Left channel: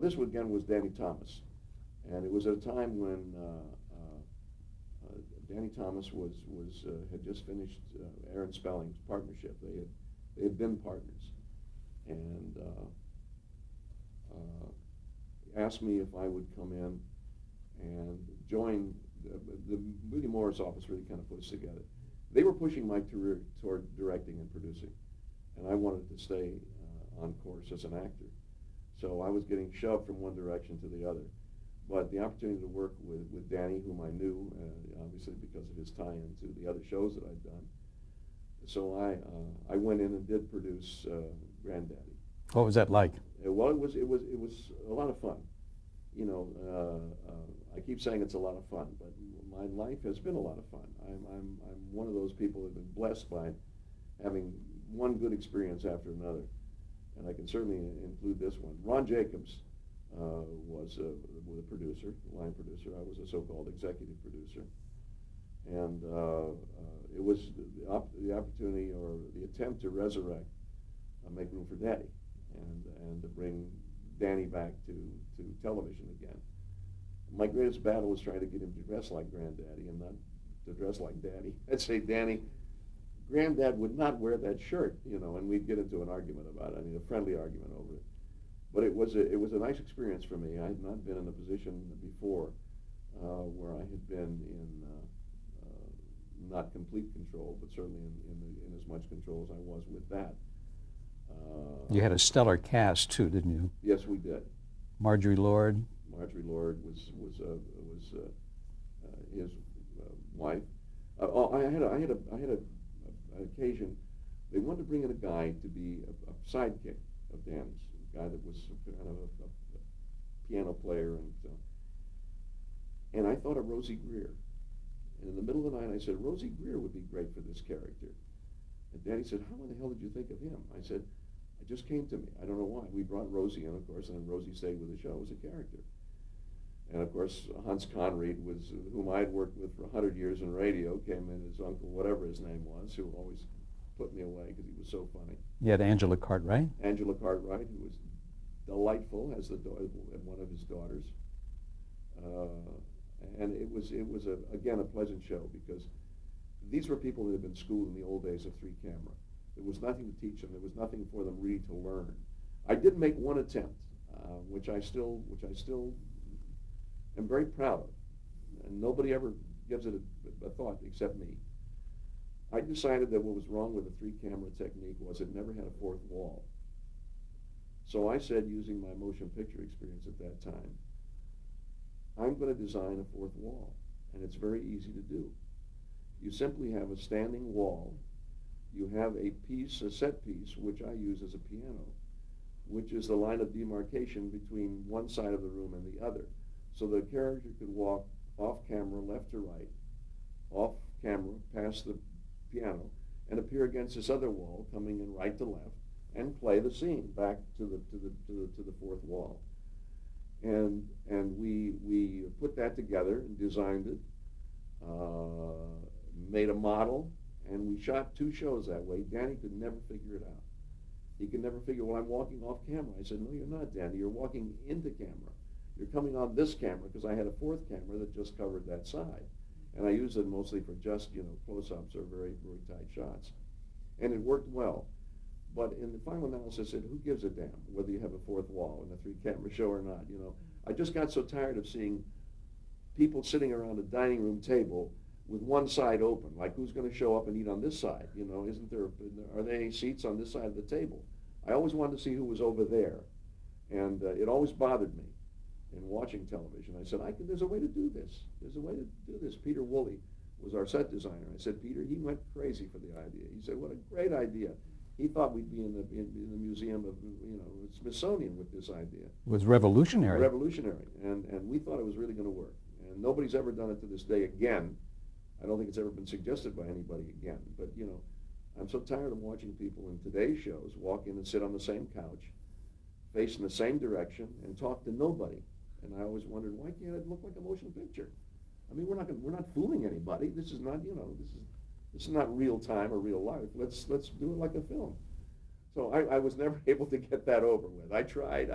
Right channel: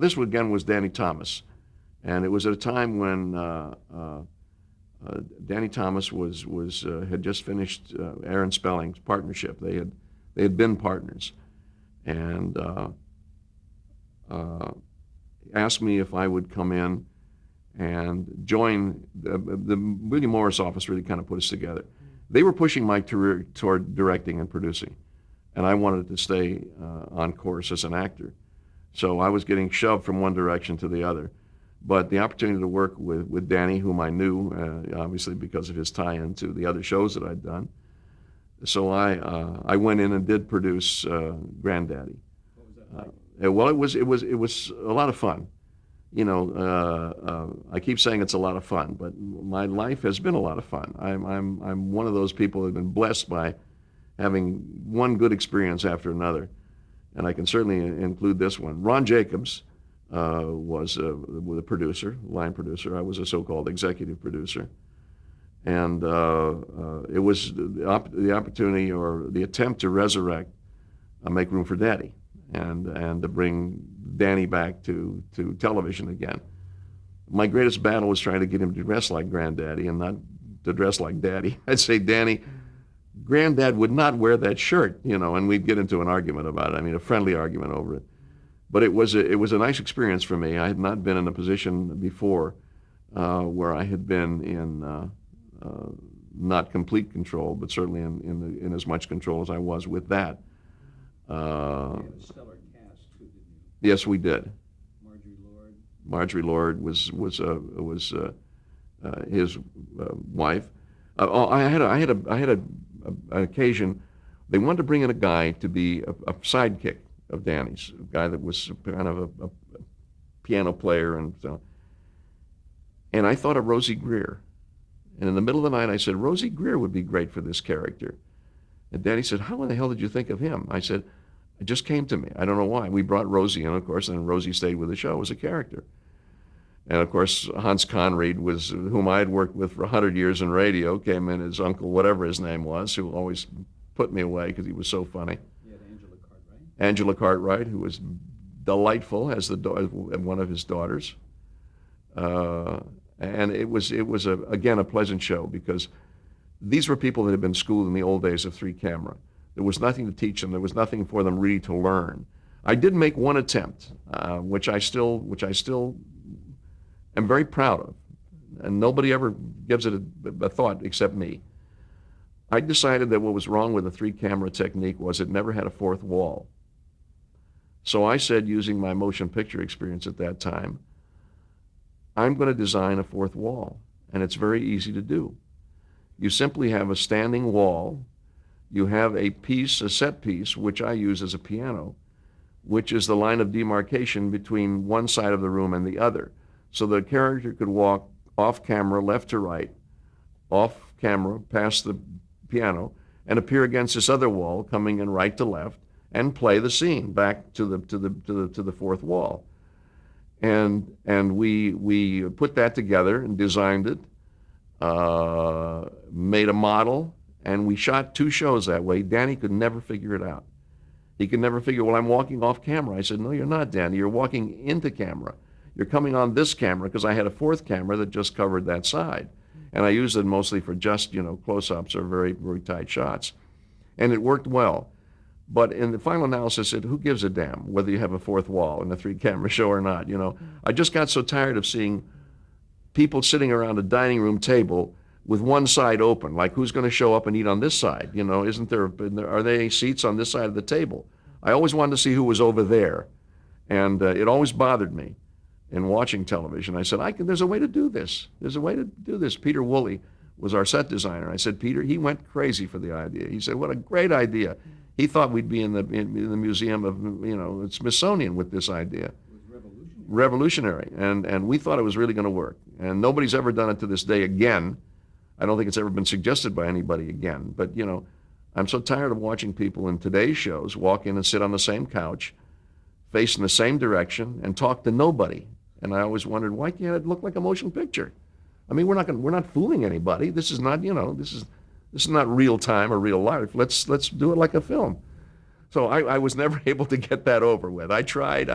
This again was Danny Thomas, and it was at a time when Danny Thomas was had just finished Aaron Spelling's partnership. They had been partners, and asked me if I would come in and join. The William Morris office really kind of put us together. They were pushing my career toward directing and producing, and I wanted to stay on course as an actor. So I was getting shoved from one direction to the other. But the opportunity to work with Danny, whom I knew, obviously because of his tie-in to the other shows that I'd done. So I went in and did produce Granddaddy. What was that like? Well, it was a lot of fun. You know, I keep saying it's a lot of fun, but my life has been a lot of fun. I'm one of those people who've been blessed by having one good experience after another, and I can certainly include this one. Ron Jacobs was the producer, line producer. I was a so-called executive producer, and it was the opportunity or the attempt to resurrect Make Room for Daddy, and to bring Danny back to television again. My greatest battle was trying to get him to dress like Granddaddy and not to dress like Daddy. I'd say, Danny, Granddad would not wear that shirt, you know, and we'd get into an argument about it. I mean, a friendly argument over it. But it was a nice experience for me. I had not been in a position before where I had been in not complete control, but certainly in as much control as I was with that. You had a stellar cast too, didn't you? Yes, we did. Marjorie Lord. Marjorie Lord was his wife. I had an occasion. They wanted to bring in a guy to be a sidekick of Danny's, a guy that was kind of a piano player, and so. And I thought of Rosie Greer. And in the middle of the night, I said, Rosie Greer would be great for this character. And Danny said, how in the hell did you think of him? I said, it just came to me. I don't know why. We brought Rosie in, of course, and Rosie stayed with the show as a character. And of course, Hans Conried, whom I had worked with for 100 years in radio, came in as Uncle, whatever his name was, who always put me away because he was so funny. You had Angela Cartwright. Angela Cartwright, who was delightful as one of his daughters. And it was again a pleasant show because these were people that had been schooled in the old days of 3-camera. There was nothing to teach them. There was nothing for them really to learn. I did make one attempt, which I still am very proud of, and nobody ever gives it a thought except me. I decided that what was wrong with the 3-camera technique was it never had a fourth wall. So I said, using my motion picture experience at that time, I'm going to design a fourth wall, and it's very easy to do. You simply have a standing wall. You have a set piece, which I use as a piano, which is the line of demarcation between one side of the room and the other. So the character could walk off camera, left to right, off camera, past the piano, and appear against this other wall, coming in right to left, and play the scene back to the fourth wall. And we put that together and designed it, made a model, and we shot 2 shows that way. Danny could never figure it out. He could never figure, well, I'm walking off camera. I said, no, you're not, Danny. You're walking into camera. You're coming on this camera, because I had a 4th camera that just covered that side. And I used it mostly for just, close-ups or very, very tight shots. And it worked well. But in the final analysis, who gives a damn whether you have a 4th wall in a 3-camera show or not, I just got so tired of seeing people sitting around a dining room table with one side open, like who's going to show up and eat on this side? Are there seats on this side of the table? I always wanted to see who was over there. And it always bothered me in watching television. I said, there's a way to do this. There's a way to do this. Peter Woolley was our set designer. I said, Peter, he went crazy for the idea. He said, what a great idea. He thought we'd be in the museum of, Smithsonian with this idea. It was revolutionary. Revolutionary. And we thought it was really going to work. And nobody's ever done it to this day again. I don't think it's ever been suggested by anybody again. But, I'm so tired of watching people in today's shows walk in and sit on the same couch, facing the same direction, and talk to nobody. And I always wondered, why can't it look like a motion picture? I mean, we're not fooling anybody. This is not, this is not real time or real life. Let's do it like a film. So I was never able to get that over with. I tried.